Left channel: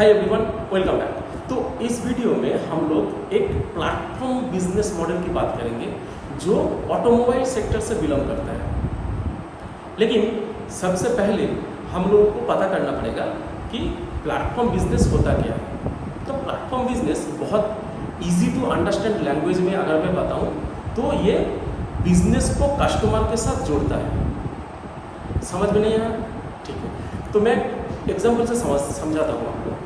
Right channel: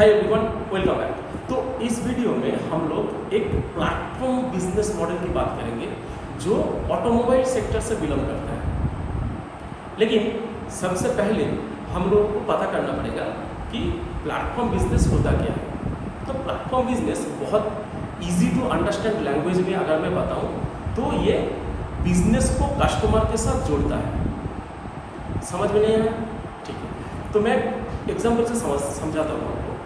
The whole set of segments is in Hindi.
Hi everyone, welcome back. तो इस वीडियो में हम लोग एक प्लेटफॉर्म बिजनेस मॉडल की बात करेंगे जो ऑटोमोबाइल सेक्टर से बिलोंग करता है। लेकिन सबसे पहले हम लोगों को पता करना पड़ेगा कि प्लेटफॉर्म बिजनेस होता क्या है। तो प्लेटफॉर्म बिजनेस बहुत इजी टू अंडरस्टैंड लैंग्वेज में अगर मैं बताऊं तो ये बिजनेस को कस्टमर के साथ जोड़ता है। समझ में नहीं आया? ठीक है, तो मैं एग्जाम्पल से समझाता हूँ आपको।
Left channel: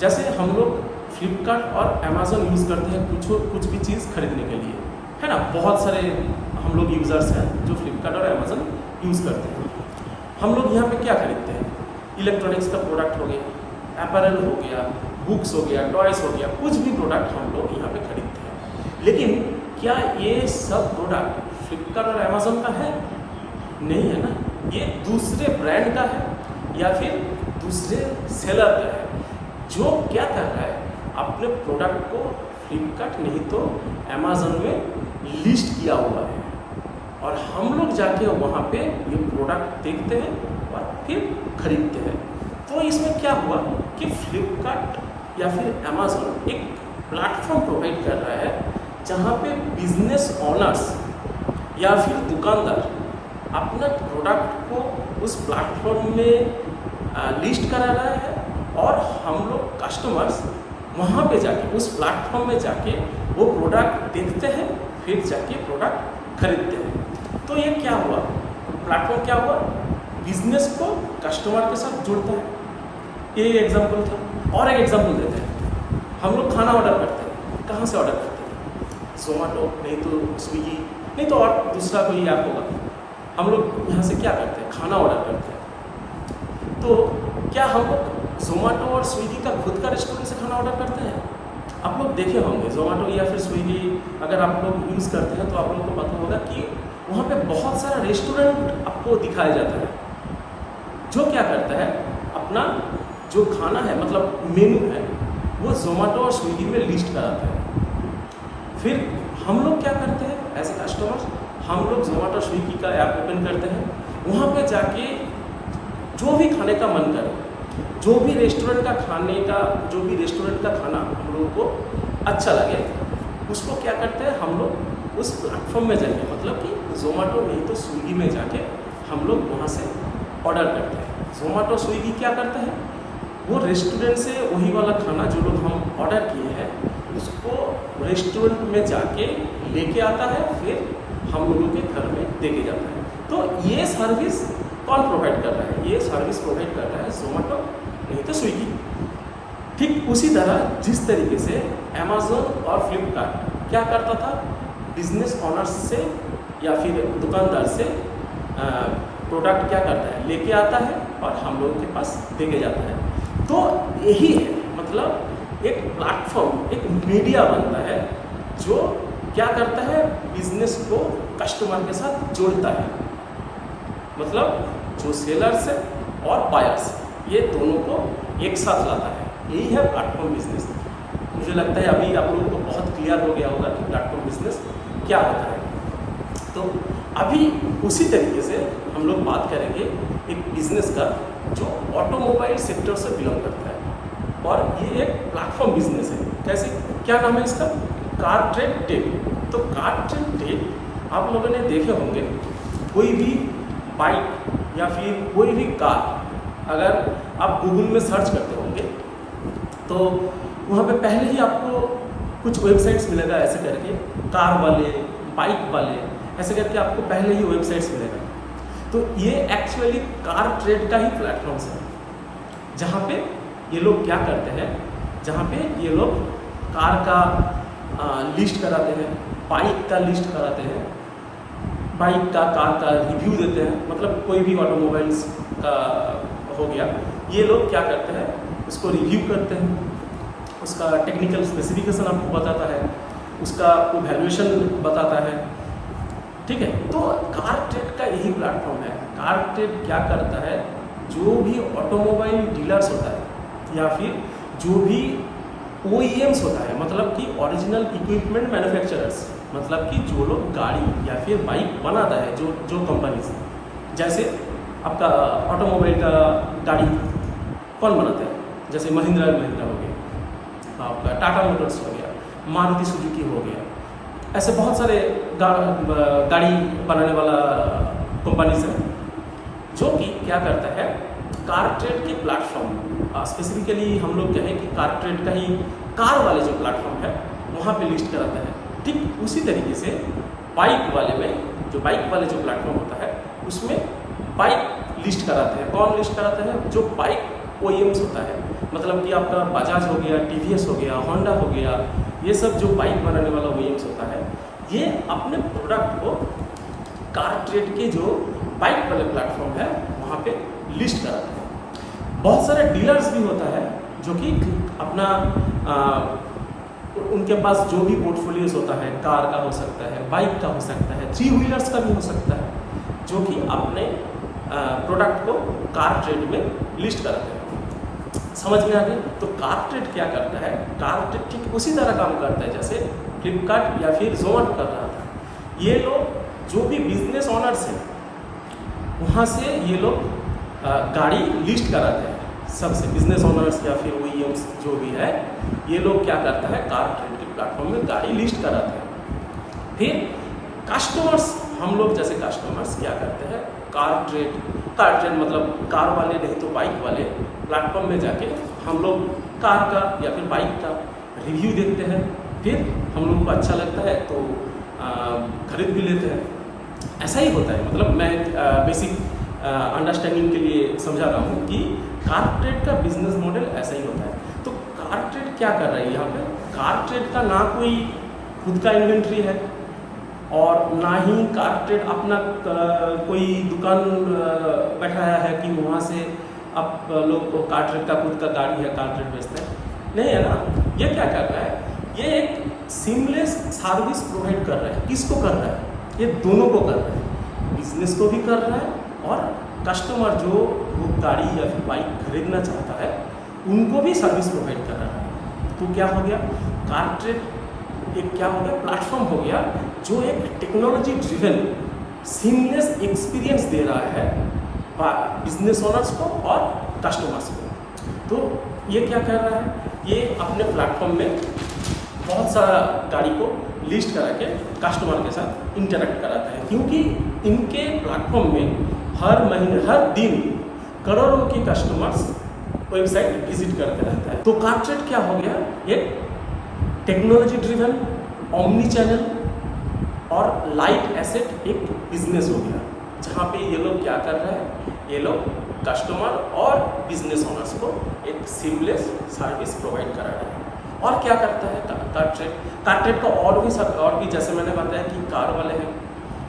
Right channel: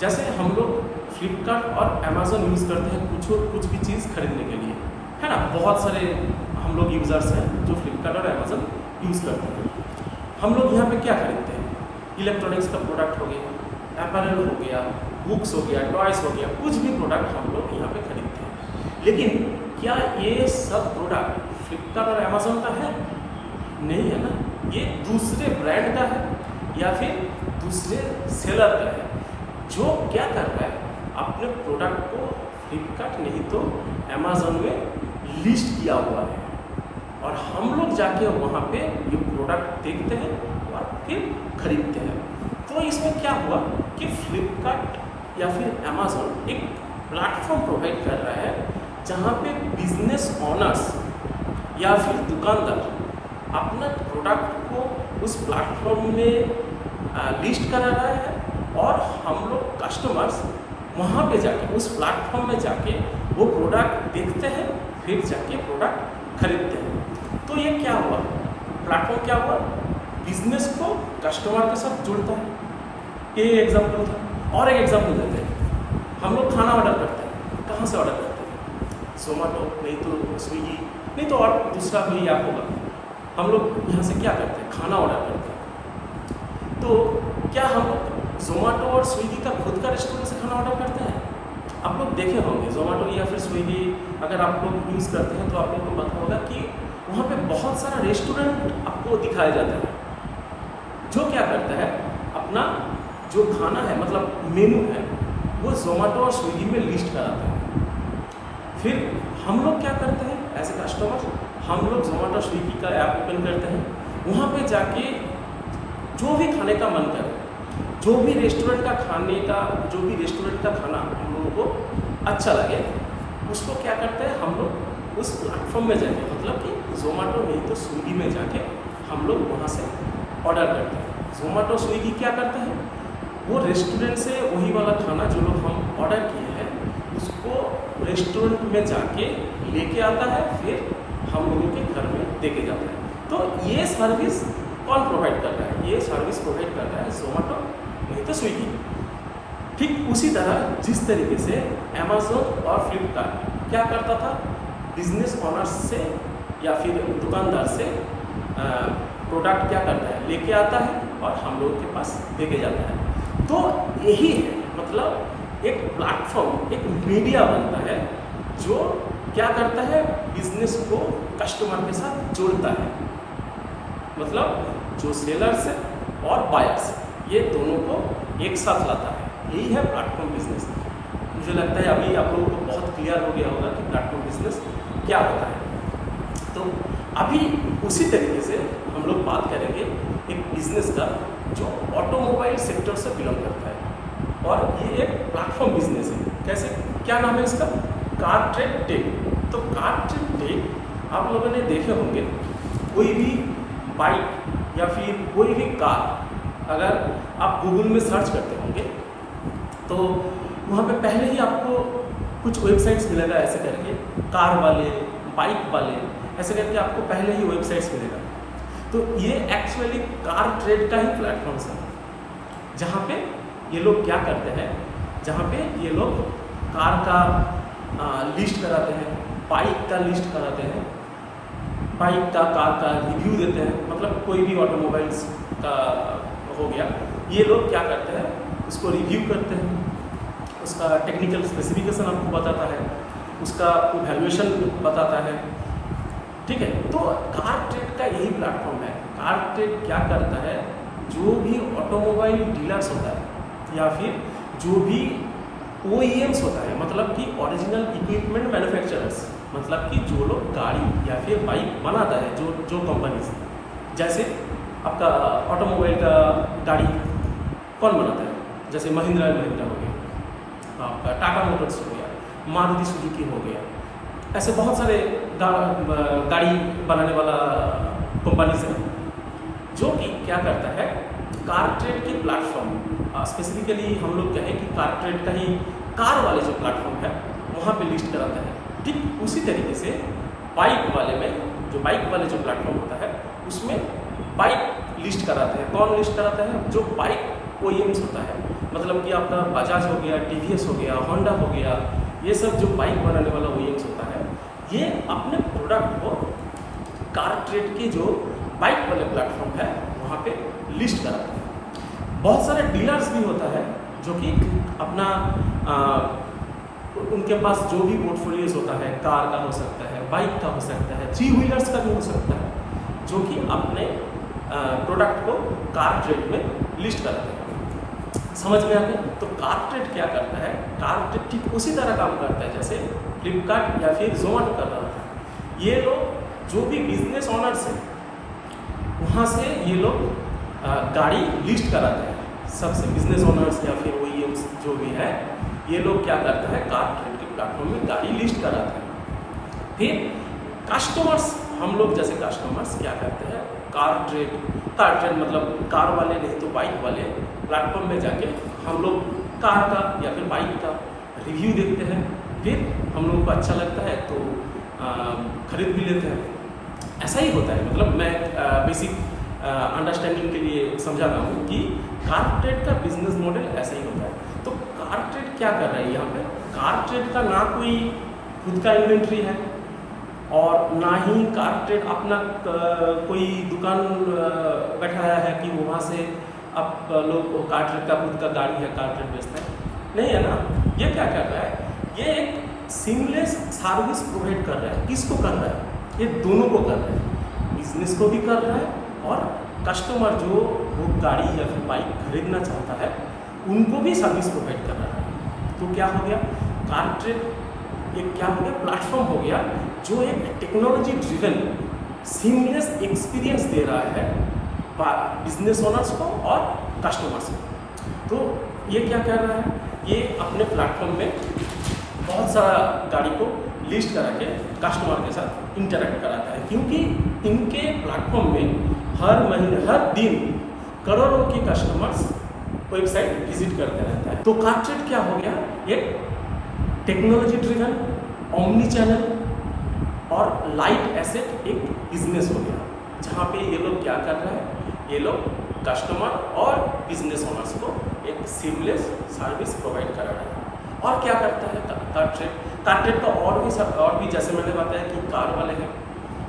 जैसे हम लोग फ्लिपकार्ट और अमेज़न यूज़ करते हैं कुछ भी चीज़ खरीदने के लिए, है ना। बहुत सारे हम लोग यूज़र्स हैं जो फ्लिपकार्ट और अमेज़न यूज़ करते हैं। हम लोग यहाँ पे क्या खरीदते हैं? इलेक्ट्रॉनिक्स का प्रोडक्ट हो गया, अपैरल हो गया, बुक्स हो गया, टॉयस हो गया, कुछ भी प्रोडक्ट हम लोग यहाँ पे खरीदते हैं। लेकिन क्या ये सब प्रोडक्ट फ्लिपकार्ट और अमेज़न का है? नहीं है ना। ये दूसरे ब्रांड का है या फिर दूसरे सेलर का है जो क्या कर रहा है, अपने प्रोडक्ट को फ्लिपकार्ट नहीं तो अमेज़न में लिस्ट किया हुआ है और हम लोग जाके वहाँ पे ये प्रोडक्ट देखते हैं और फिर खरीदते हैं। तो इसमें क्या हुआ कि फ्लिपकार्ट या फिर अमेज़न एक प्लेटफॉर्म प्रोवाइड कर रहा है जहाँ पे बिजनेस ओनर्स या फिर दुकानदार अपना प्रोडक्ट को उस प्लेटफॉर्म में लिस्ट करा रहा है और हम लोग कस्टमर्स वहाँ पे जाके उस प्लेटफॉर्म में जाके वो प्रोडक्ट देखते हैं, फिर जाके प्रोडक्ट खरीदते हैं। तो ये क्या हुआ, प्लेटफॉर्म क्या हुआ, बिजनेस को कस्टमर के साथ जुड़ता है। ये एग्जांपल था। और एक एग्जांपल देते हैं। हम लोग खाना ऑर्डर करते हैं, कहाँ से ऑर्डर करते हैं? जोमेटो, नहीं तो स्विगी, नहीं तो और दूसरा कोई ऐप होगा। हम लोग यहाँ से क्या करते हैं? खाना ऑर्डर करते हैं। तो क्या हम लोग जोमेटो और स्विगी का खुद का रेस्टोरेंट से खाना ऑर्डर करते हैं? आप लोग देखे होंगे जोमेटो या फिर स्विगी अगर आप लोग यूज़ करते हैं तो आप लोगों को पता होगा कि वहाँ पे बहुत सारा रेस्टोरेंट आपको दिखाया जाता है जो क्या करता है, अपना जो खाना है मतलब मेनू है वो जोमेटो और स्विगी में लिस्ट कराता है। फिर हम लोग क्या करते हैं एज ए कस्टमर, हम लोग जोमेटो स्विगी का ऐप ओपन करते हैं, वहाँ पे जाके जो भी खाने का मन करे, जो भी रेस्टोरेंट का खाना हम लोगों को अच्छा लगे उसको क्या करते हैं, हम लोग उस प्लेटफॉर्म में जाके मतलब कि जोमेटो नहीं तो स्विगी में जाके हम लोग वहाँ से ऑर्डर करते हैं। जोमेटो स्विगी क्या करते हैं, वो रेस्टोरेंट से वही वाला खाना जो लोग हम ऑर्डर किए हैं उसको रेस्टोरेंट में जाके लेके आता है, फिर हम लोगों के घर में देके जाता है। तो ये सर्विस कौन प्रोवाइड कर रहा है? ये सर्विस प्रोवाइड कर रहा है जोमेटो नहीं तो स्विगी। ठीक उसी तरह जिस तरीके से अमेज़न और फ्लिपकार्ट क्या करता था, बिजनेस ओनर्स से या फिर दुकानदार से प्रोडक्ट क्या करता है, लेके आता है और हम लोगों के पास देके जाता है। तो यही है, मतलब एक प्लेटफॉर्म, एक मीडिया बनता है जो क्या करता है, बिजनेस को कस्टमर के साथ जोड़ता है। मतलब जो सेलर्स है और बायर्स ये दोनों को एक साथ लाता है। यही है प्लेटफॉर्म बिजनेस। मुझे लगता है अभी आप लोगों को बहुत क्लियर हो गया होगा कि प्लेटफॉर्म बिजनेस क्या होता है। तो अभी उसी तरीके से हम लोग बात करेंगे एक बिजनेस का जो ऑटोमोबाइल सेक्टर से बिलोंग करता है और ये एक प्लेटफॉर्म बिजनेस है। कैसे, क्या नाम है इसका? Car Trade Tech. तो कार ट्रेड टेक आप लोगों ने देखे होंगे, कोई भी बाइक या फिर कोई भी कार अगर आप गूगल में सर्च करते होंगे तो वहाँ पे पहले ही आपको कुछ वेबसाइट्स मिलेगा ऐसे करके, कार वाले, बाइक वाले, ऐसे करके आपको पहले ही वेबसाइट्स मिलेगा। तो ये एक्चुअली कार ट्रेड का ही प्लेटफॉर्म्स है जहाँ पे ये लोग क्या करते हैं, जहाँ पे ये लोग कार का लिस्ट कराते हैं, बाइक का लिस्ट कराते हैं, बाइक का, कार का रिव्यू देते हैं। मतलब कोई भी ऑटोमोबाइल्स का हो गया, ये लोग क्या करते हैं, उसको रिव्यू करते हैं, उसका टेक्निकल स्पेसिफिकेशन आपको बताता है, उसका वैल्यूएशन बताता है। ठीक है, तो कार ट्रेड का यही प्लेटफॉर्म है। कार ट्रेड क्या करता है, जो भी ऑटोमोबाइल डीलर्स होता है या फिर जो भी OEMs होता है, मतलब कि ओरिजिनल इक्विपमेंट मैन्युफैक्चरर्स, मतलब कि जो लोग गाड़ी या फिर बाइक बनाता है, जो कंपनीज, जैसे आपका ऑटोमोबाइल का गाड़ी कौन बनाता है? जैसे महिंद्रा एंड महिंद्रा हो गया, आपका टाटा मोटर्स हो गया, मारुति सुजुकी हो गया, ऐसे बहुत सारे गाड़ी बनाने वाला कंपनीज है जो कि क्या करता है, कार ट्रेड के प्लेटफॉर्म, स्पेसिफिकली हम लोग कहें कि कार ट्रेड का ही कार वाले जो प्लेटफॉर्म है वहाँ पे लिस्ट कराता है। ठीक उसी तरीके से बाइक वाले में, जो बाइक वाले जो प्लेटफॉर्म होता है उसमें बाइक लिस्ट कराते हैं। कौन लिस्ट कराता है? जो बाइक OEMs होता है, मतलब कि आपका बजाज हो गया, TVS हो गया, होंडा हो गया, ये सब जो बाइक बनाने वाला OEMs होता है, ये अपने प्रोडक्ट को कार ट्रेड के जो बाइक वाले प्लेटफॉर्म है वहाँ पे लिस्ट कराते हैं। बहुत सारे डीलर्स भी होता है जो कि अपना उनके पास जो भी पोर्टफोलियोज होता है, कार का हो सकता है, बाइक का हो सकता है, 3 व्हीलर्स का भी हो सकता है, जो कि अपने प्रोडक्ट को कार ट्रेड में लिस्ट कराते हैं। समझ में आ गया? तो कार ट्रेड क्या करता है? कार ट्रेड ठीक उसी तरह काम करता है जैसे फ्लिपकार्ट या फिर जोमेटो कर रहा था। ये लोग जो भी बिजनेस ऑनर्स हैं वहाँ से ये लोग गाड़ी लिस्ट कराते हैं सबसे, बिजनेस ऑनर्स या फिर OEMs जो भी है, ये लोग क्या करता है, कार ट्रेड के प्लेटफॉर्म में गाड़ी लिस्ट कराते हैं। फिर कस्टमर्स, हम लोग जैसे कस्टमर्स क्या करते हैं, कार ट्रेड मतलब कार वाले नहीं तो बाइक वाले प्लेटफॉर्म में जाके हम लोग कार का या फिर बाइक का रिव्यू देखते हैं, फिर हम लोग को अच्छा लगता है तो खरीद भी लेते हैं। ऐसा ही होता है, मतलब मैं बेसिक अंडरस्टैंडिंग के लिए समझा रहा हूँ कि कार ट्रेड का बिजनेस मॉडल ऐसा ही होता है। तो कार ट्रेड क्या कर रहा है यहाँ पे? कार ट्रेड का ना कोई खुद का इन्वेंट्री है और ना ही कार ट्रेड अपना कोई दुकान बैठाया है कि वहाँ से आप लोग कार ट्रेड का खुद का गाड़ी है, कार ट्रेड बेचता है, नहीं है ना। ये क्या कर रहा है? ये एक सीमलेस सर्विस प्रोवाइड कर रहा है। किसको कर रहा है? ये दोनों को कर रहा है, बिजनेस को भी कर रहा है और कस्टमर जो वो गाड़ी या फिर बाइक खरीदना चाहता है उनको भी सर्विस प्रोवाइड कर रहा है। तो क्या हो गया? कार ट्रेड एक क्या हो गया? प्लेटफॉर्म हो गया जो एक टेक्नोलॉजी ड्रिवन सीमलेस एक्सपीरियंस दे रहा है बिजनेस ओनर्स को और कस्टमर्स को। तो ये क्या कर रहा है? ये अपने प्लेटफॉर्म में बहुत सारा गाड़ी को लिस्ट करा के कस्टमर के साथ इंटरेक्ट कराता है, क्योंकि इनके प्लेटफॉर्म में हर महीने हर दिन करोड़ों के कस्टमर्स वेबसाइट विजिट करते रहता है। तो कार ट्रेड क्या हो गया? एक टेक्नोलॉजी ड्रिवन ओमनी चैनल और लाइट एसेट एक बिजनेस हो गया, जहाँ पे ये लोग क्या कर रहे हैं? ये लोग कस्टमर और बिजनेस ओनर्स को एक सीमलेस सर्विस प्रोवाइड करा रहा है। और क्या करता है कार ट्रेड? कार ट्रेड का और भी जैसे मैंने बताया कि कार वाले हैं,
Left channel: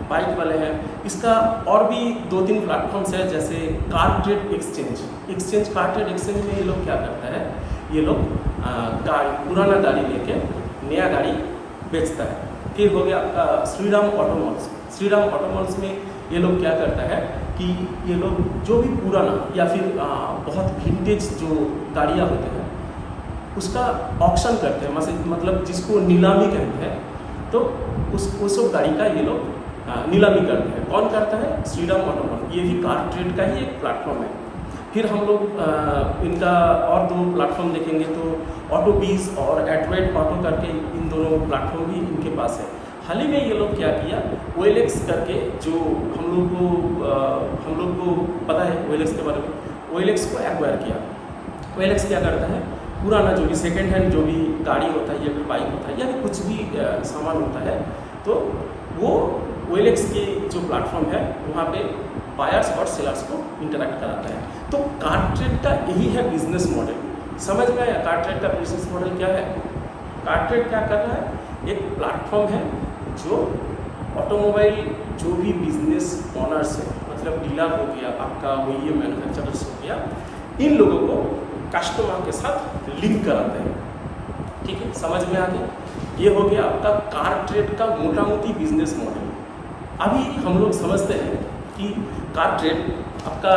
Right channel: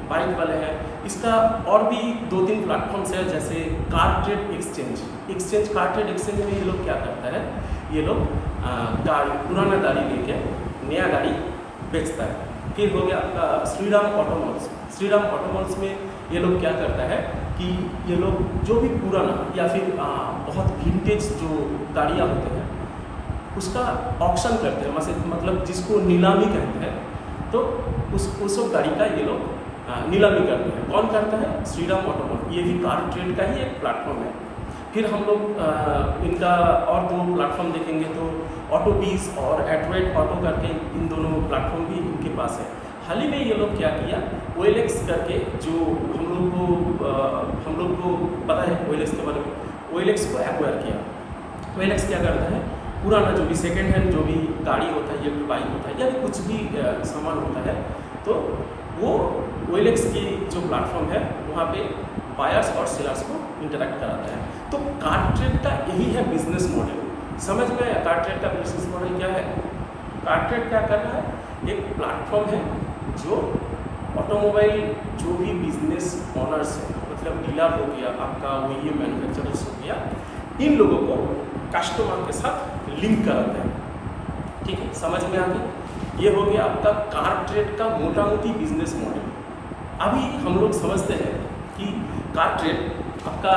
बाइक वाले हैं, इसका और भी 2-3 प्लेटफॉर्म्स है, जैसे car trade exchange. Car trade exchange में ये लोग क्या करता है? ये लोग पुराना गाड़ी लेके नया गाड़ी बेचता है। फिर हो गया आपका श्रीराम ऑटोमॉल्स में ये लोग क्या करता है कि ये लोग जो भी पुराना या फिर बहुत विंटेज जो गाड़ियाँ होते हैं उसका ऑक्शन करते हैं, मतलब जिसको नीलामी कहते हैं, तो उस गाड़ी का ये लोग नीलामी करते हैं। कौन करता है? श्रीराम ऑटोमॉल। ये भी कार ट्रेड का ही एक प्लेटफॉर्म है। फिर हम लोग इनका और 2 प्लेटफॉर्म देखेंगे तो ऑटोबीज और एडवेट ऑटो करके इन दोनों प्लेटफॉर्म भी इनके पास है। हाल ही में ये लोग क्या किया, OLX करके, जो हम लोग को पता है OLX के बारे में, OLX को एक्वायर किया। OLX क्या करता है? पुराना जो भी सेकेंड हैंड जो भी गाड़ी होता है या फिर बाइक होता है या फिर कुछ भी सामान होता है, तो वो OLX की जो प्लेटफॉर्म है वहाँ पे बायर्स और सेलर्स को इंटरेक्ट कराता है। तो कार ट्रेड का यही है बिजनेस मॉडल। समझ में आया कार ट्रेड का बिजनेस मॉडल क्या है? कार ट्रेड क्या कर रहा है? एक प्लेटफॉर्म है जो ऑटोमोबाइल जो भी बिजनेस ऑनर्स है, मतलब डीलर हो गया, आपका OEM मैन्युफैक्चरर्स हो गया, इन लोगों को कस्टमर के साथ लिंक कराते हैं। ठीक है, समझ में आ गया? ये हो गया आपका कार ट्रेड का मोटा मोटी बिजनेस मॉडल। अभी हम लोग समझते हैं कि कार ट्रेड आपका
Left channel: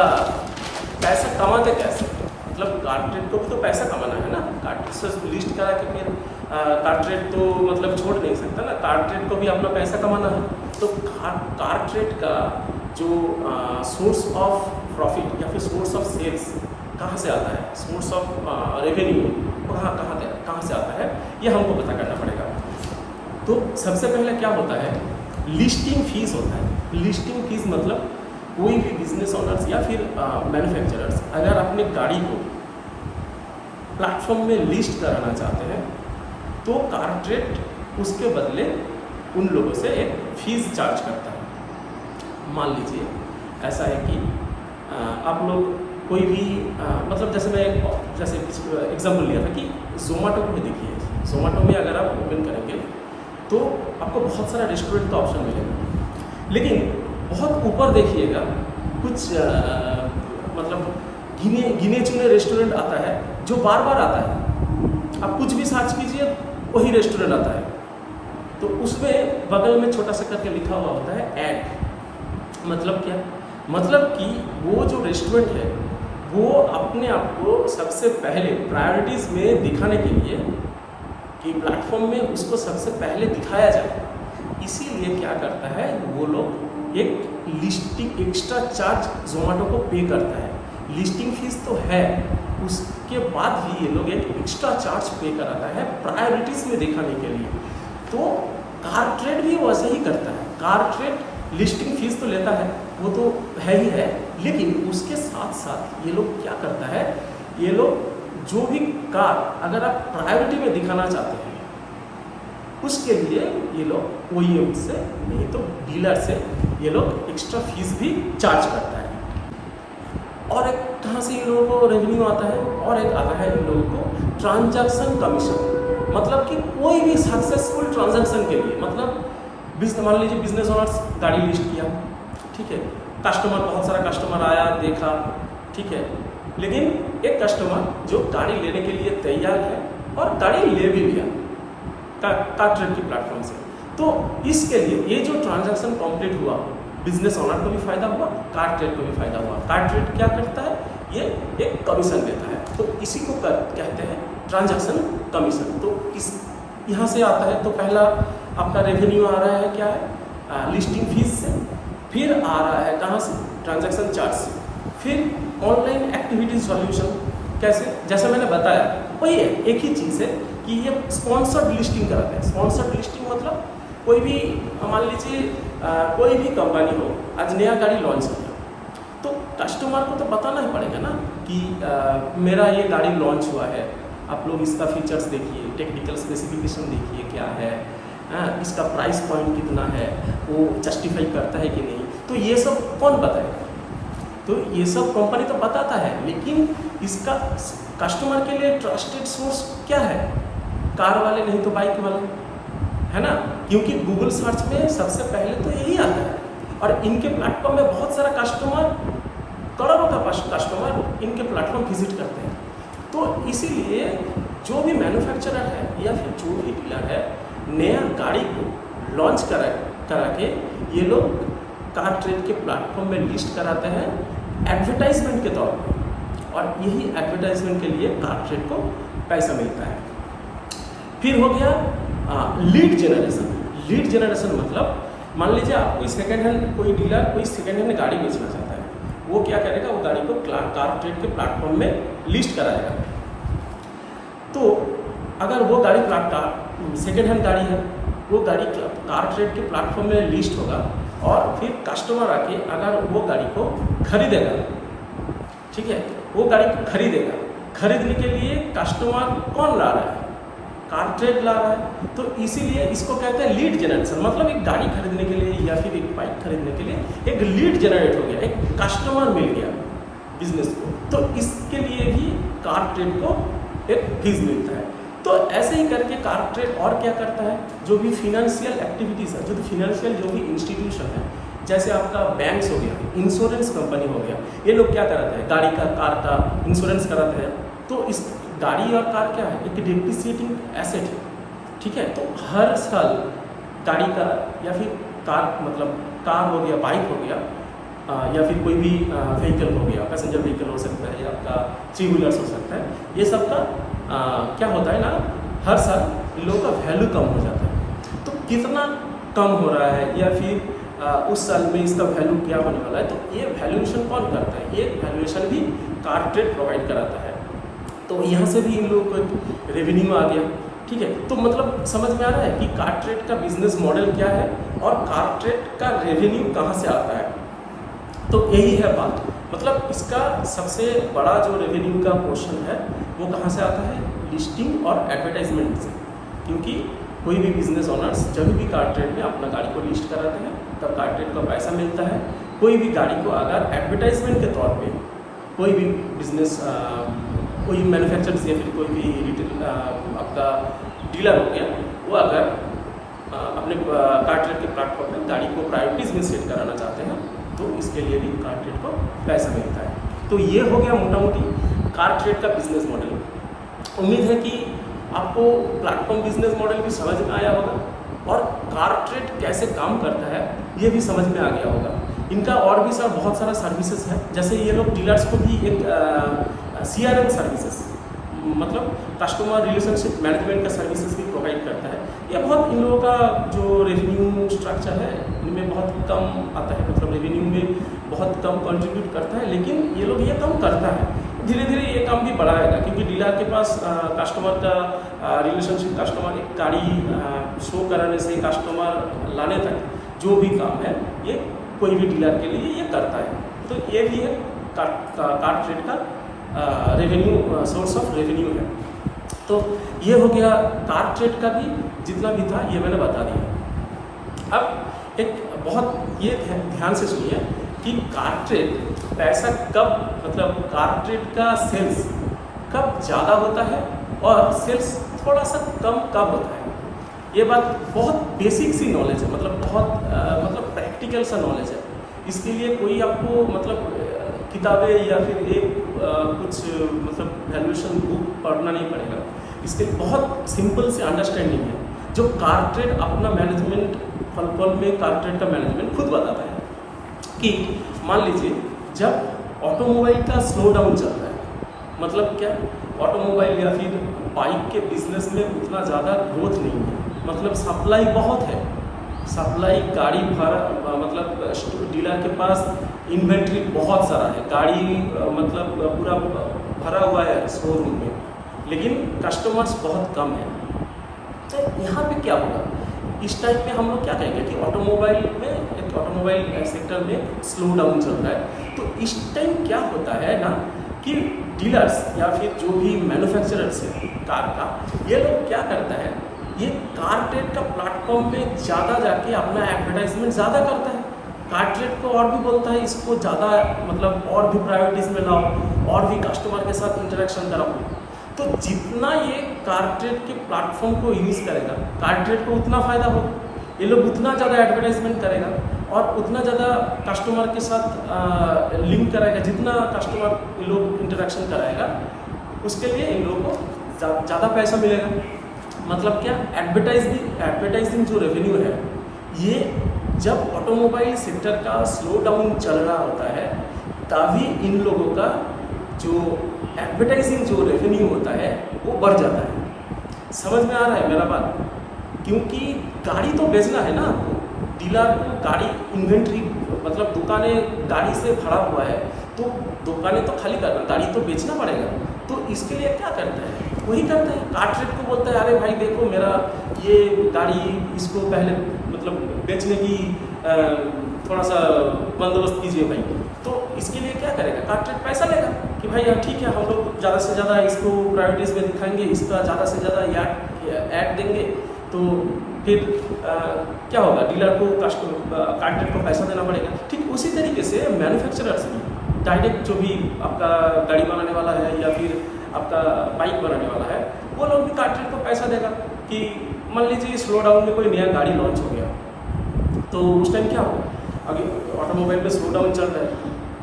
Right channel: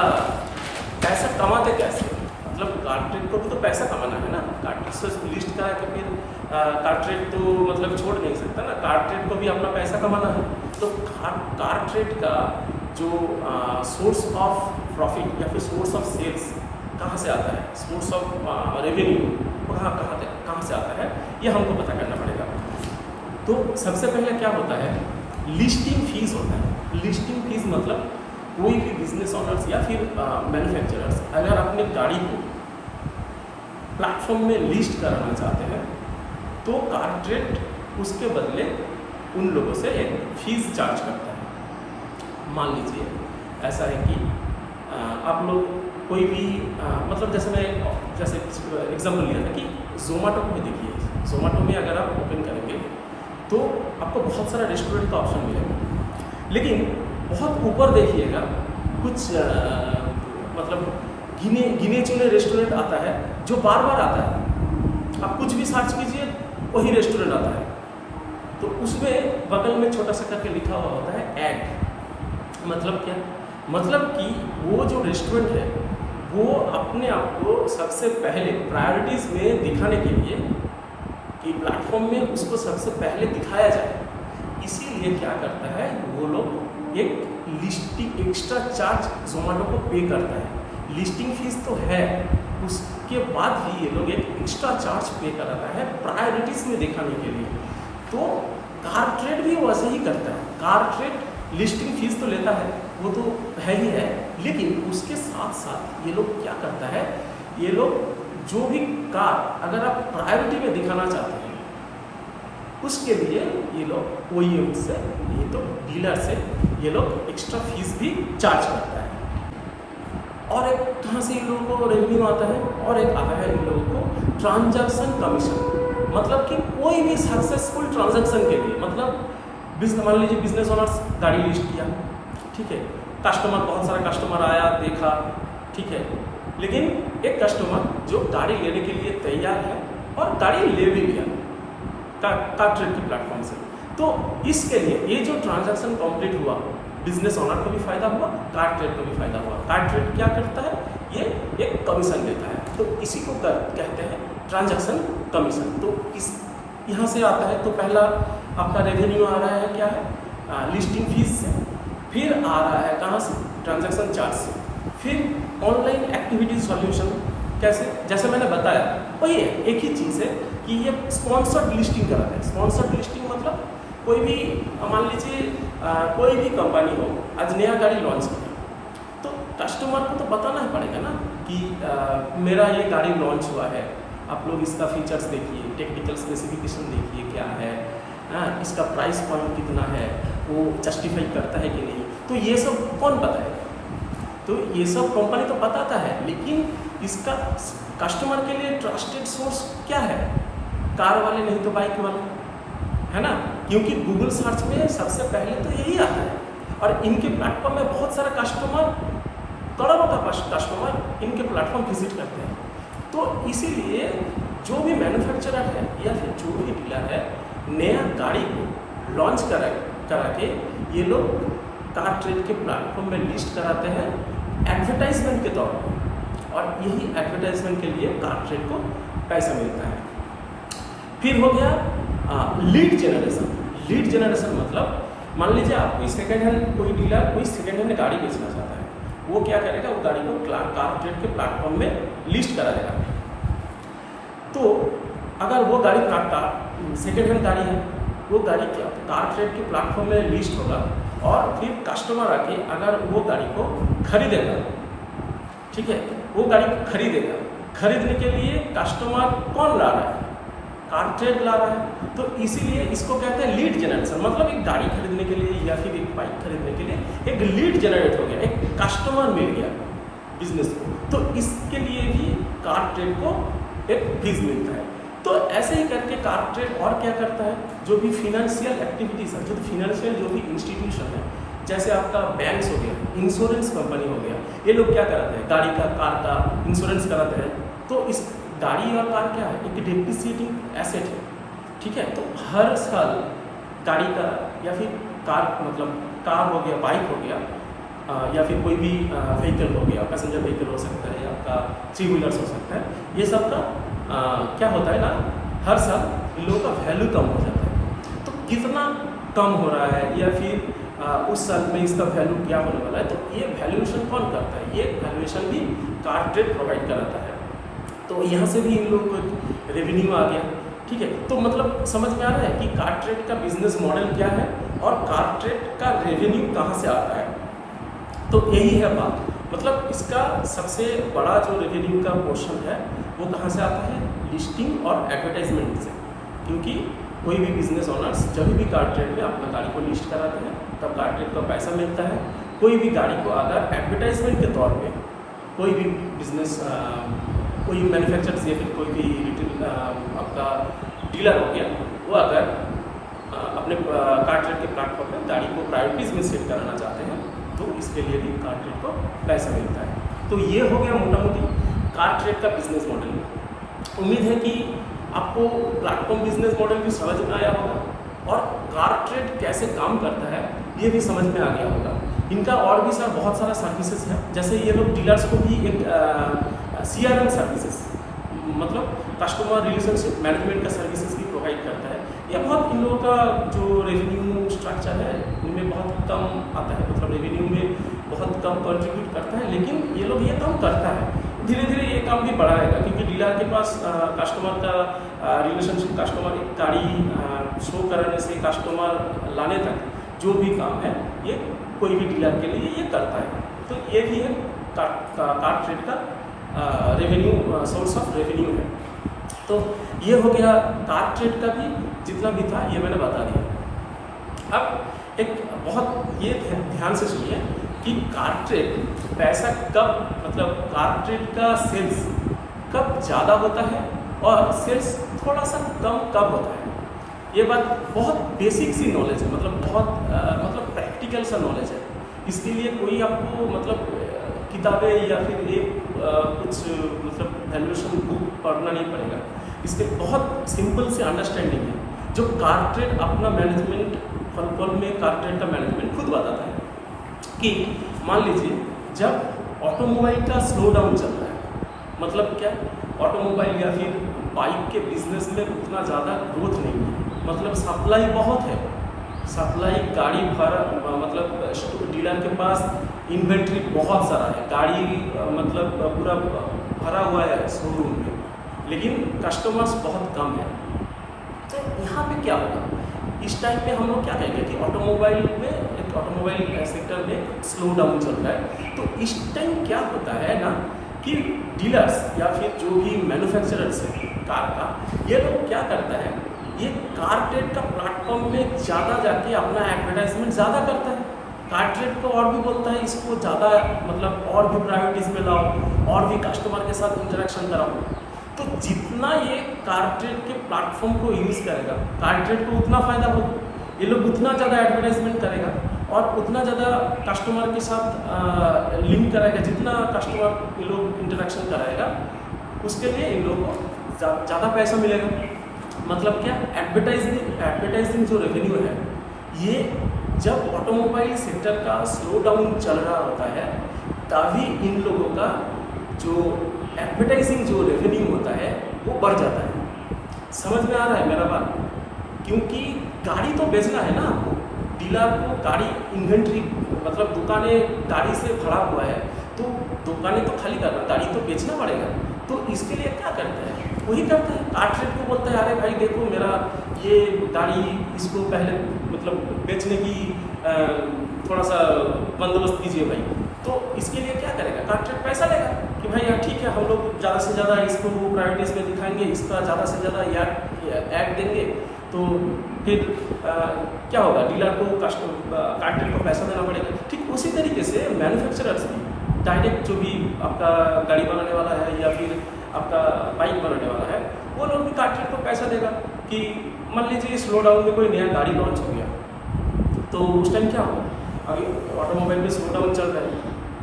पैसा कमाते कैसे, मतलब कार ट्रेड को भी तो पैसा कमाना है ना। कार ट्रेड से लिस्ट करा के फिर कार ट्रेड तो मतलब छोड़ नहीं सकता ना, कार ट्रेड को भी अपना पैसा कमाना है। तो कार ट्रेड का जो सोर्स ऑफ प्रॉफिट या फिर सोर्स ऑफ सेल्स कहाँ से आता है, सोर्स ऑफ रेवेन्यू कहाँ से आता है, ये हमको पता करना पड़ेगा। तो सबसे पहले क्या होता है, लिस्टिंग फीस होता है। लिस्टिंग फीस मतलब कोई भी बिजनेस ओनर्स या फिर मैन्युफैक्चरर्स अगर अपने गाड़ी को प्लेटफॉर्म में लिस्ट कराना चाहते हैं तो कारट्रेड उसके बदले उन लोगों से एक फीस चार्ज करता है। मान लीजिए ऐसा है कि आप लोग कोई भी मतलब जैसे एग्जांपल लिया था कि जोमेटो को भी देखिए, जोमेटो में अगर आप ओपन करेंगे तो आपको बहुत सारा रेस्टोरेंट का ऑप्शन मिलेगा, लेकिन बहुत ऊपर देखिएगा कुछ मतलब गिने चुने रेस्टोरेंट आता है जो बार बार आता है। आप कुछ भी सर्च कीजिए वही रेस्टोरेंट आता है, तो उसमें बगल में छोटा सा करके लिखा हुआ होता है ऐड। मतलब क्या, मतलब कि वो जो रेस्टोरेंट है वो अपने आप को सबसे पहले प्रायोरिटीज़ में दिखाने के लिए कि प्लेटफॉर्म में उसको सबसे पहले दिखाया जाए, इसीलिए क्या करता है वो लोग एक लिस्टिंग एक्स्ट्रा चार्ज जोमेटो को पे करता है। लिस्टिंग फीस तो है, उसके बाद भी ये लोग एक एक्स्ट्रा चार्ज पे कराता है प्रायोरिटीज़ में दिखाने के लिए। तो कारट्रेड भी वैसे ही करता है। कारट्रेड लिस्टिंग फीस तो लेता है, वो तो है ही है, लेकिन उसके साथ साथ ये लोग क्या करता है, ये लोग जो भी कार अगर आप प्रायोरिटी में दिखाना चाहते हैं उसके लिए ये लोग OEM से नहीं तो डीलर से ये लोग एक्स्ट्रा फीस भी चार्ज करता है। और एक कहाँ से इन लोगों को रेवेन्यू आता है, और एक आता है इन लोगों को ट्रांजैक्शन कमीशन। मतलब कि कोई भी सक्सेसफुल ट्रांजैक्शन के लिए, मतलब मान लीजिए बिजनेस ओनर्स गाड़ी लिस्ट किया, ठीक है, कस्टमर बहुत सारा कस्टमर आया देखा, ठीक है, लेकिन एक कस्टमर जो गाड़ी लेने के लिए तैयार है और गाड़ी ले भी लिया कारट्रेड के प्लेटफॉर्म से, तो इसके लिए ये जो ट्रांजैक्शन कंप्लीट हुआ बिजनेस ओनर को भी फायदा हुआ, कारट्रेड को भी फायदा हुआ। कारट्रेड क्या करता है, ये एक कमीशन देता है, तो इसी को कहते हैं ट्रांजैक्शन कमीशन। तो इस यहाँ से आता है, तो पहला आपका रेवेन्यू आ रहा है क्या है, लिस्टिंग फीस से, फिर आ रहा है कहाँ से, ट्रांजैक्शन चार्ज से, फिर ऑनलाइन एक्टिविटी सॉल्यूशन। कैसे, जैसे मैंने बताया वही है, एक ही चीज़ है कि ये स्पॉन्सर्ड लिस्टिंग कराते हैं। स्पॉन्सर्ड लिस्टिंग मतलब कोई भी मान लीजिए कोई भी कंपनी हो आज नया गाड़ी लॉन्च किया, तो कस्टमर को तो बताना ही पड़ेगा ना कि मेरा ये गाड़ी लॉन्च हुआ है, आप लोग इसका फीचर्स देखिए, टेक्निकल स्पेसिफिकेशन देखिए क्या है, इसका प्राइस पॉइंट कितना है, वो जस्टिफाई करता है कि नहीं, तो ये सब कौन बताएगा। तो ये सब कंपनी तो बताता है, लेकिन इसका कस्टमर के लिए ट्रस्टेड सोर्स क्या है, कार वाले नहीं तो बाइक वाले, है ना, क्योंकि गूगल सर्च में सबसे पहले तो यही आता है, और इनके प्लेटफॉर्म में बहुत सारा कस्टमर, करोड़ों का कस्टमर इनके प्लेटफॉर्म विजिट करते हैं। तो इसीलिए जो भी मैन्युफैक्चरर है या फिर जो भी डीलर है, नया गाड़ी को लॉन्च करा के ये लोग कारट्रेड के प्लेटफॉर्म में लिस्ट कराते हैं एडवर्टाइजमेंट के तौर पर, और यही एडवर्टाइजमेंट के लिए कारट्रेड को पैसा मिलता है। फिर हो गया लीड जनरेशन। लीड जनरेशन मतलब मान लीजिए आप कोई डीलर कोई सेकेंड हैंड गाड़ी बेचना चाहता है, वो क्या करेगा, वो गाड़ी को कारट्रेड के प्लेटफॉर्म में लिस्ट कराएगा। तो अगर वो गाड़ी सेकेंड हैंड गाड़ी है, वो गाड़ी कारट्रेड के प्लेटफॉर्म में लिस्ट होगा, और फिर कस्टमर आके अगर वो गाड़ी को खरीदेगा, ठीक है, वो गाड़ी को खरीदने के लिए कस्टमर कौन ला रहा है, कारट्रेड ला रहा है। तो इसीलिए इसको कहते हैं लीड जनरेशन। मतलब एक गाड़ी खरीदने के लिए या फिर एक बाइक खरीदने के लिए एक लीड जनरेट हो गया, एक कस्टमर मिल गया बिजनेस को, तो इसके लिए भी कारट्रेड को एक फीस मिलता है। तो ऐसे ही करके कारट्रेड और क्या करता है, जो भी फिनेंशियल एक्टिविटीज़ है, जो भी इंस्टीट्यूशन है, जैसे आपका बैंक्स हो गया, इंश्योरेंस कंपनी हो गया, ये लोग क्या कराते हैं, गाड़ी का कार का इंश्योरेंस कराते हैं। तो इस गाड़ी और कार क्या है, एक डिप्रिसिएटिंग एसेट है, ठीक है। तो हर साल गाड़ी का या फिर कार हो गया, बाइक हो गया, या फिर कोई भी व्हीकल हो गया, पैसेंजर व्हीकल हो सकता है, या आपका 3 व्हीलर्स हो सकता है, ये सब का क्या होता है ना, हर साल इन लोगों का वैल्यू कम हो जाता है। तो कितना कम हो रहा है या फिर उस साल में इसका वैल्यू क्या होने वाला है, तो ये वैल्यूएशन कौन करता है, ये वैल्यूएशन भी कार ट्रेड प्रोवाइड कराता है। तो यहाँ से भी इन लोगों को एक रेवेन्यू आ गया। ठीक है, तो मतलब समझ में आ रहा है कि कार ट्रेड का बिजनेस मॉडल क्या है और कार ट्रेड का रेवेन्यू कहाँ से आता है। तो यही है बात, मतलब इसका सबसे बड़ा जो रेवेन्यू का पोर्शन है वो कहाँ से आता है, लिस्टिंग और एडवर्टाइजमेंट से। क्योंकि कोई भी बिजनेस ओनर्स जब भी कार ट्रेड में अपना गाड़ी को लिस्ट कराते हैं तब कार ट्रेड का पैसा मिलता है। कोई भी गाड़ी को अगर एडवर्टाइजमेंट के तौर पे कोई भी बिजनेस कोई मैन्युफैक्चरर्स या फिर कोई भी रिटेल आपका डीलर हो गया, वो अगर अपने कार ट्रेड के प्लेटफॉर्म में गाड़ी को प्रायोरिटीज़ में सेट कराना चाहते हैं तो इसके लिए भी कार ट्रेड को पैसा मिलता है। तो ये हो गया मोटा मोटी कार ट्रेड का बिजनेस मॉडल। उम्मीद है कि आपको प्लेटफॉर्म बिजनेस मॉडल भी समझ में आया होगा और कार ट्रेड कैसे काम करता है ये भी समझ में आ गया होगा। इनका और भी बहुत सारा सर्विसेज है, जैसे ये लोग डीलर्स को भी एक CRM सर्विसेज मतलब कस्टमर रिलेशनशिप मैनेजमेंट का सर्विसेज भी प्रोवाइड करता है। ये बहुत इन लोगों का जो रेवेन्यू स्ट्रक्चर है इनमें बहुत कम आता है, मतलब रेवेन्यू में बहुत कम कंट्रीब्यूट करता है, लेकिन ये लोग ये काम करता है। धीरे धीरे ये काम भी बढ़ाएगा क्योंकि डीलर के पास कस्टमर का रिलेशनशिप, कस्टमर एक गाड़ी शो कराने से कस्टमर लाने तक जो भी काम है ये कोई भी डीलर के लिए ये करता है। तो ये भी है कार ट्रेड का रेवेन्यू सोर्स ऑफ रेवेन्यू है। तो ये हो गया कार ट्रेड का भी जितना भी था ये मैंने बता दिया। अब एक बहुत ये ध्यान से सुनिए कि कार ट्रेड पैसा कब, मतलब कार ट्रेड का सेल्स कब ज़्यादा होता है और सेल्स थोड़ा सा कम कब होता है। ये बात बहुत बेसिक सी नॉलेज है, मतलब बहुत मतलब प्रैक्टिकल सा नॉलेज है। इसके लिए कोई आपको मतलब किताबें या फिर एक कुछ मतलब वैल्यूएशन बुक पढ़ना नहीं पड़ेगा। इसके बहुत सिंपल से अंडरस्टैंडिंग है जो कार ट्रेड अपना मैनेजमेंट पल में कार ट्रेड का मैनेजमेंट खुद बताता है कि मान लीजिए जब ऑटोमोबाइल का स्लो डाउन चलता है, मतलब क्या, ऑटोमोबाइल या फिर बाइक के बिजनेस में उतना ज़्यादा ग्रोथ नहीं है, मतलब सप्लाई बहुत है, सप्लाई गाड़ी भरा, मतलब डीलर के पास इन्वेंट्री बहुत सारा है, गाड़ी मतलब पूरा भरा हुआ है शोरूम में, लेकिन कस्टमर्स बहुत कम है। तो यहाँ पे क्या होगा, इस टाइम पे हम लोग क्या कहेंगे कि ऑटोमोबाइल सेक्टर में स्लो डाउन चल रहा है। तो इस टाइम क्या होता है ना कि डीलर्स या फिर जो भी मैन्युफैक्चरर्स है कार का, ये लोग क्या करता है, ये कार ट्रेड का प्लेटफॉर्म में ज़्यादा जाके अपना एडवर्टाइजमेंट ज़्यादा करता है। कार ट्रेड को और भी बोलता है इसको ज़्यादा मतलब और भी प्रायोरिटीज़ में लाओ और भी कस्टमर के साथ इंटरेक्शन कराओ। तो जितना ये कार ट्रेड के प्लेटफॉर्म को यूज़ करेगा कार ट्रेड को उतना फ़ायदा होगा, ये लोग उतना ज़्यादा एडवर्टाइजमेंट करेगा और उतना ज़्यादा कस्टमर के साथ लिंक कराएगा, जितना कस्टमर ये लोग इंटरेक्शन कराएगा उसके लिए इन लोगों को ज़्यादा पैसा मिलेगा। मतलब क्या, एडवर्टाइजिंग जो रेवेन्यू है ये जब ऑटोमोबाइल सेक्टर का स्लो डाउन चल रहा होता है तभी इन लोगों का जो एडवर्टाइजिंग जो रेवेन्यू होता है वो बढ़ जाता है। समझ में आ रहा है मेरा बात, क्योंकि गाड़ी तो बेचना है ना आपको, डीलर को गाड़ी इन्वेंट्री मतलब दुकानें गाड़ी से भरा हुआ है तो दुकानें तो खाली करना, गाड़ी तो बेचना पड़ेगा। तो इसके लिए क्या करता है, वही करता है कार ट्रेड को बोलता है अरे भाई देखो मेरा ये गाड़ी, इसको पहले मतलब बेचने की थोड़ा सा बंदोबस्त कीजिए भाई। तो इसके लिए क्या करेगा, कार ट्रेड पैसा लेगा कि भाई हाँ ठीक है हम लोग ज़्यादा से ज़्यादा इसको प्रायोरिटीज़ में दिखाएंगे, इसका ज़्यादा से ज़्यादा ऐड देंगे, तो फिर क्या होगा, डीलर को कार ट्रेड को पैसा देना पड़ेगा। ठीक उसी तरीके से मैन्युफैक्चरर्स भी डायरेक्ट जो भी आपका गाड़ी बनाने वाला है या फिर आपका बाइक बनाने वाला है वो लोग भी कार ट्रेड को पैसा देगा कि मान लीजिए स्लो डाउन में कोई नया गाड़ी लॉन्च हो गया तो उस टाइम क्या होगा, अभी ऑटोमोबाइल में स्लो डाउन चल रहा है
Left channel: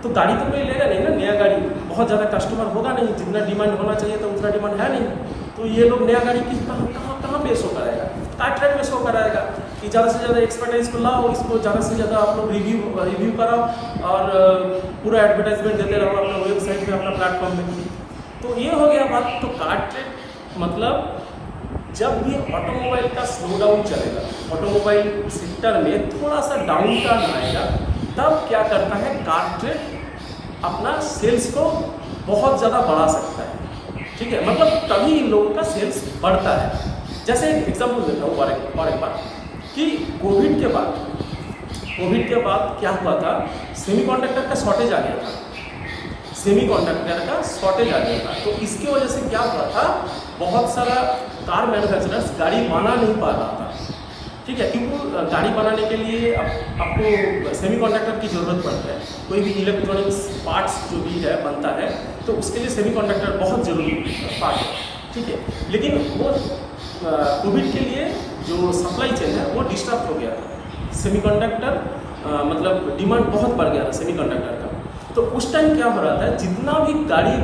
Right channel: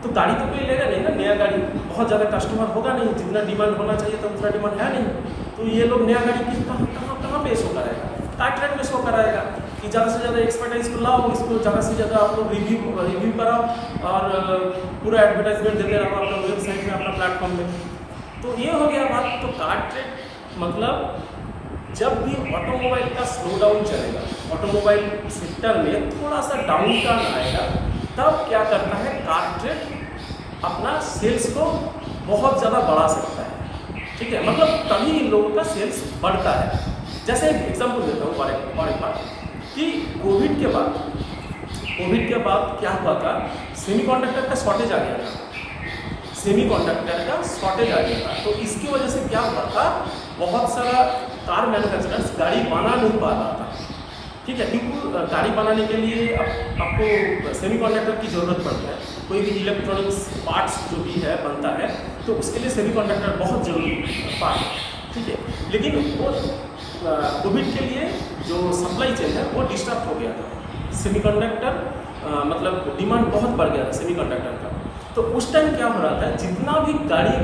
तो गाड़ी तो कोई लेगा नहीं ना, नया गाड़ी बहुत ज़्यादा कस्टमर होगा नहीं, जितना डिमांड होना चाहिए था उतना डिमांड है नहीं। तो ये लोग नया गाड़ी की कहाँ पे शो कराएगा, कार ट्रेड में शो कराएगा कि ज़्यादा से ज़्यादा एक्सपर्टाइज को लाओ, इसको ज़्यादा से ज़्यादा आप लोग रिव्यू कराओ और पूरा एडवर्टाइजमेंट देते रहो अपना वेबसाइट में, अपना प्लेटफॉर्म में। तो ये हो गया बात। तो कार ट्रेड मतलब जब भी ऑटोमोबाइल का स्लो डाउन चलेगा, ऑटोमोबाइल सेक्टर में थोड़ा सा डाउन टर्न आएगा, तब क्या करता है कार ट्रेड अपना सेल्स को बहुत ज़्यादा बढ़ा सकता है। ठीक है, मतलब तभी इन लोगों का सेल्स बढ़ता है। जैसे एक एग्जाम्पल देता हूँ और एक बार कि कोविड के बाद क्या हुआ था, सेमीकंडक्टर का शॉर्टेज आ गया था। तो इसकी वजह से क्या हुआ था, बहुत सारा कार मैन्युफैक्चरर्स गाड़ी बना नहीं पा रहा था। ठीक है, क्योंकि गाड़ी बनाने के लिए आपको सेमीकंडक्टर की ज़रूरत पड़ता है। कोई भी इलेक्ट्रॉनिक्स पार्ट्स जो भी है बनता है तो उसके लिए सेमीकंडक्टर बहुत ज़रूरी पार्ट है। ठीक है, लेकिन वो कोविड के लिए जो सप्लाई चेन है वो डिस्टर्ब हो गया था। सेमीकंडक्टर मतलब डिमांड बहुत बढ़ गया था सेमीकंडक्टर का। तो उस टाइम क्या हो रहा था, जितना भी गाड़ी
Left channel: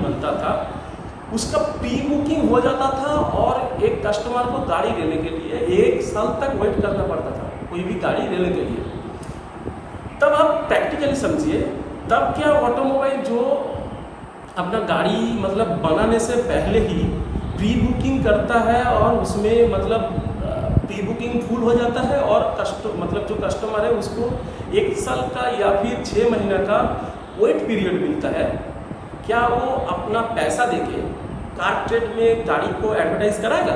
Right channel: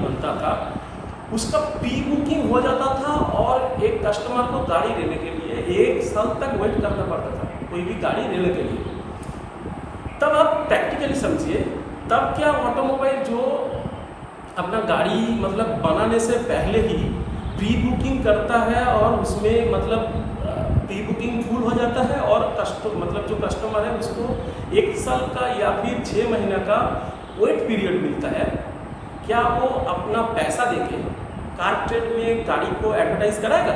बनता था उसका प्री बुकिंग हो जाता था और एक कस्टमर को गाड़ी लेने के लिए 1 साल तक वेट करना पड़ता था, कोई भी गाड़ी लेने के लिए। तब आप प्रैक्टिकली समझिए, तब क्या ऑटोमोबाइल जो अपना गाड़ी मतलब बनाने से पहले ही प्री बुकिंग करता है और उसमें मतलब प्री बुकिंग फुल हो जाता है और मतलब जो कस्टमर है उसको 1 साल का या फिर 6 महीना का वेट पीरियड मिलता है। क्या वो अपना पैसा देके कार ट्रेड में गाड़ी को एडवर्टाइज कराएगा?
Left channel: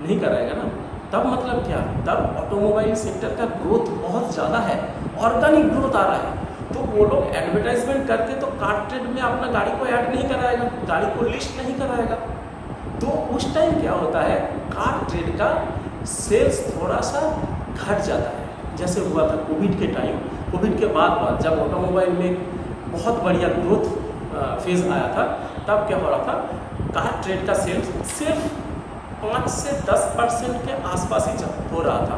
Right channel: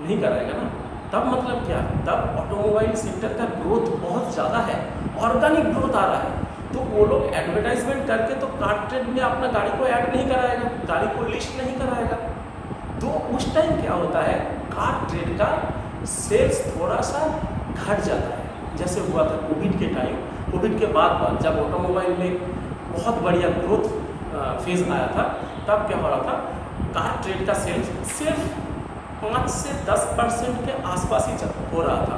नहीं कराएगा ना। तब मतलब क्या, तब ऑटोमोबाइल सेक्टर का ग्रोथ बहुत ज़्यादा है, ऑर्गेनिक ग्रोथ आ रहा है। तो वो लोग एडवर्टाइजमेंट करके तो कार ट्रेड में अपना गाड़ी को ऐड नहीं कराएगा, गाड़ी को लिस्ट नहीं कराएगा। तो उस टाइम क्या होता है, कार ट्रेड का सेल्स थोड़ा सा घट जाता है। जैसे हुआ था कोविड के टाइम, कोविड के बाद जब ऑटोमोबाइल में बहुत बढ़िया ग्रोथ फेज आया था, तब क्या हो रहा था, कार ट्रेड का सेल्स सिर्फ 5 से 10% के आसपास ही हो रहा था।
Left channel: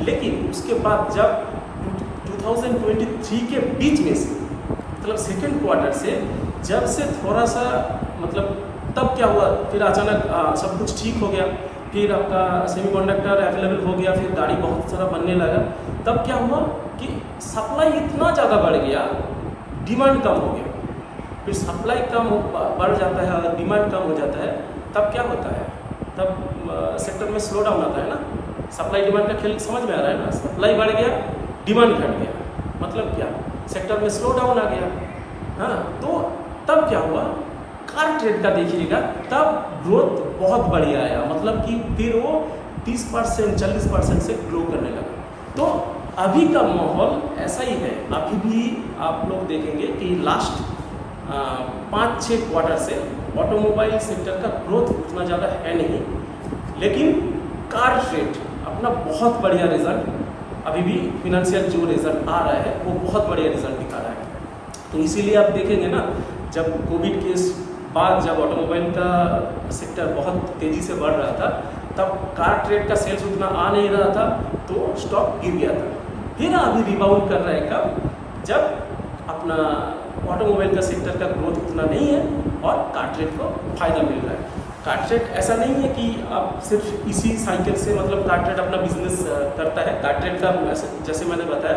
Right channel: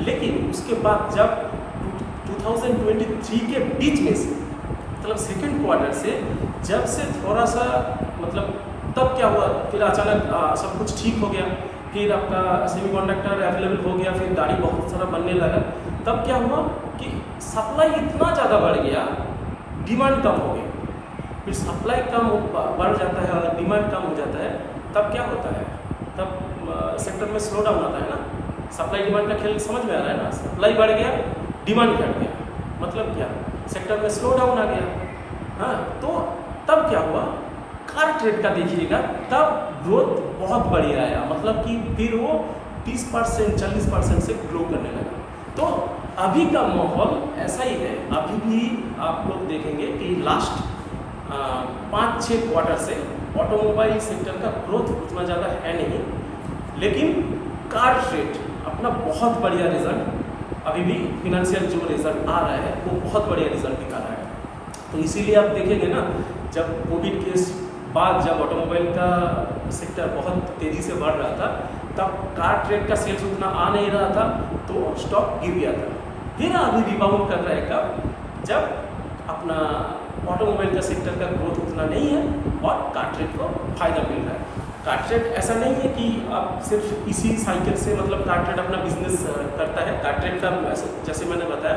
लेकिन उसके बाद जब 2023 के बीच में से मतलब सेकेंड क्वार्टर से जब से थोड़ा सा मतलब तब क्या हुआ, फिर अचानक सब कुछ ठीक हो गया, फिर आपका सेमीकंडक्टर अवेलेबल हो गया, फिर गाड़ी बहुत सारा बनने लगा। तब क्या हुआ कि सप्लाई इतना ज़्यादा बढ़ गया, डिमांड कम हो गया। फिर सप्लाई कम बढ़ जाता है और डिमांड कम हो जाता है, तब क्या होता है, तब सेक्टर में स्लो डाउन आता है ना। सप्लाई डिमांड का खेल समझ में आ रहा है ना। सप्लाई बढ़ गया, डिमांड घट गया, मतलब क्या, सेक्टर में स्लो डाउन आ गया। हाँ, तो तब क्या हुआ, कार ट्रेड का देखिएगा, तब ग्रोथ बहुत बढ़िया आया, मतलब कि फिर वो 30% 40% से ग्रो करने लगा। तो अभी का माहौल ऐसा ही है। अभी भी आप लोग देखेंगे कि लास्ट 5-6 क्वार्टर से ऑटोमोबाइल सेक्टर का ग्रोथ उतना ज़्यादा है नहीं, लेकिन कार ट्रेड अपना बहुत बढ़िया रिजल्ट, अभी भी फिनेंशियल जो रिजल्ट आ रहा है वो बहुत बढ़िया रिजल्ट दिखा रहा है। तो इसीलिए आप देखेंगे ना, जब कोविड के बाद जब ऑटोमोबाइल का सेक्टर बहुत तेज़ी से बढ़ रहा था, तब कार ट्रेड का सेल्स उतना आ नहीं रहा था, तो स्टॉक गिर गया था। फिर अभी रिबाउंड कर रहा है कब, जब अपना ऑटोमोबाइल का सेक्टर का ग्रोथ उतना नहीं है और कार ट्रेड को फ़ायदा मिल रहा है। कार ट्रेड ऐसा नहीं है कि आप सिर्फ इसी साइकिल से मतलब कार ट्रेड अपना बिजनेस करता है। कार ट्रेड का जैसे मैंने बताया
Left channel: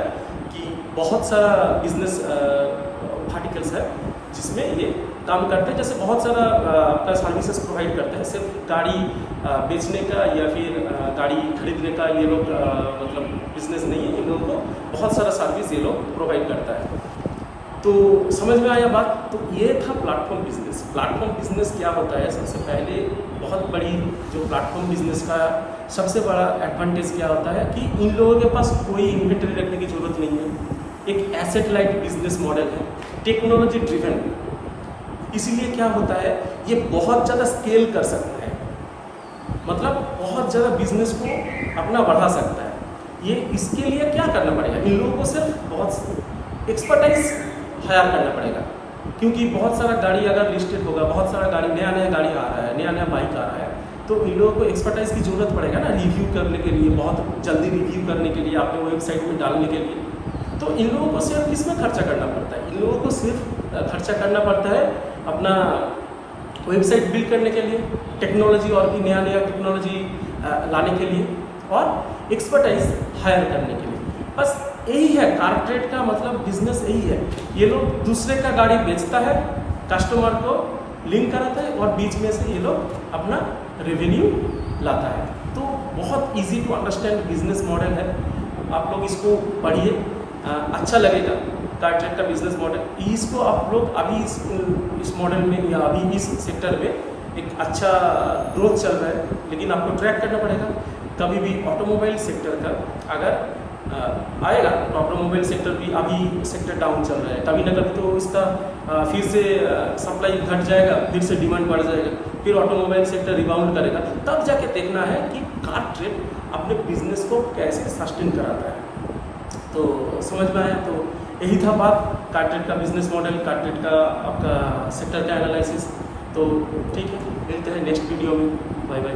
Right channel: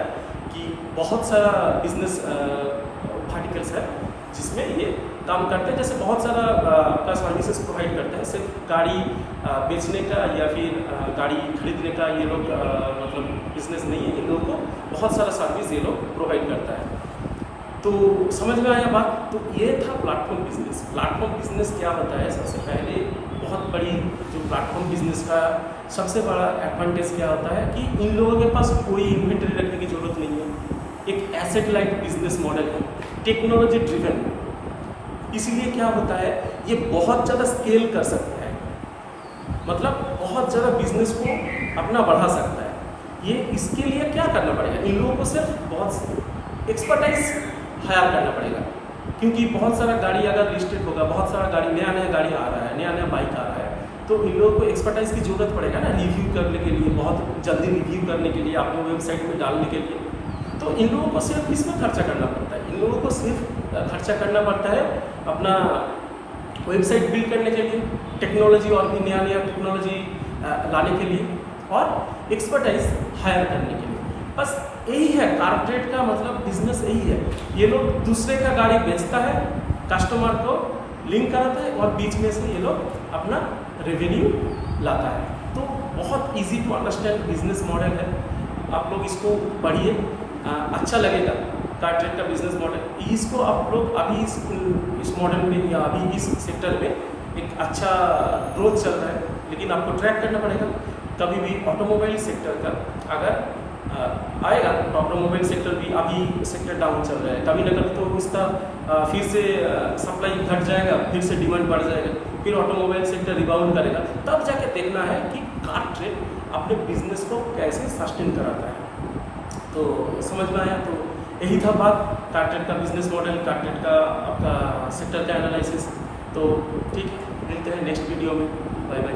कि बहुत सारा बिजनेस वर्टिकल्स है जिसमें ये काम करते हैं। जैसे बहुत सारा आपका सर्विसेज प्रोवाइड करते हैं, सिर्फ गाड़ी बेचने का या फिर गाड़ी खरीदने का ये लोग मतलब बिजनेस नहीं है। इन लोगों को बहुत सारा सर्विस ये लोग प्रोवाइड करता है। तो समझ में आया बात। तो ये था प्लेटफॉर्म बिजनेस। प्लेटफॉर्म बिजनेस क्या होता है, सबसे पहले बहुत बड़ी जो प्लेटफॉर्म बिजनेस का सबसे बड़ा एडवांटेज क्या होता है कि इन लोगों के पास कोई इन्वेंटरी रखने की ज़रूरत नहीं है। एक एसेट लाइट बिजनेस मॉडल है, टेक्नोलॉजी ड्रिवन। इसीलिए क्या होता है, ये बहुत ज़्यादा स्केल कर सकता है, मतलब बहुत ज़्यादा बिजनेस को अपना बढ़ा सकता है। ये इसके लिए क्या करना पड़ेगा, इन लोगों को सिर्फ बहुत एक्सपर्टाइज हायर करना पड़ेगा। क्योंकि बहुत सारा गाड़ी अगर लिस्टेड होगा, बहुत सारा गाड़ी नया गाड़ी आ रहा है, नया बाइक आ रहा है, तो इन लोगों को एक्सपर्टाइज की ज़रूरत पड़ेगा ना, रिव्यू करने के लिए, बहुत जल्दी रिव्यू करने के लिए, अपने वेबसाइट में डालने के लिए। तो इन लोगों को सिर्फ किस में खर्चा करना पड़ता है, इन लोगों को सिर्फ खर्चा करना पड़ता है अपना वेबसाइट बिल्ड करने के लिए, टेक्नोलॉजी और भी नया टेक्नोलॉजी लाने के लिए और एक्सपर्टाइज हायर करने के लिए। बस यही है कार ट्रेड का मतलब बिजनेस, यही है। ये लोग दूसरे का गाड़ी बेचता है, कस्टमर को लिंक कराता है और बीच में से ये लोग अपना रेवेन्यू लाता है। तो बहुत easy to understand business model है। आप लोग इसको पढ़िए, अच्छा लगेगा। कार ट्रेड का बिजनेस मॉडल, इसको आप लोग अभी इस मॉडल में या अभी इस सेक्टर में एक अच्छा ग्रोथ चल रहा है, लेकिन आपको ट्रैक करना पड़ेगा। कभी भी ऑटोमोबाइल सेक्टर का अगर आएगा तो ऑटोमोबाइल सेक्टर भी अभी सेक्टर डाउन चल रहा है, कभी ना कभी तो इसका फिर से सप्लाई घट जाएगा, फिर से डिमांड बढ़ जाएगा, फिर ऑटोमोबाइल सेक्टर रिबाउंड करेगा, तब जाके देखना है कि कार ट्रेड अपने बिजनेस को कैसे सस्टेन कराता है। तो समझ में आया? तो यही था बात कार ट्रेड का बिजनेस मॉडल, कार ट्रेड का आपका सेक्टर का एनालिसिस। तो ठीक है, मिलते हैं नेक्स्ट वीडियो में। Bye bye.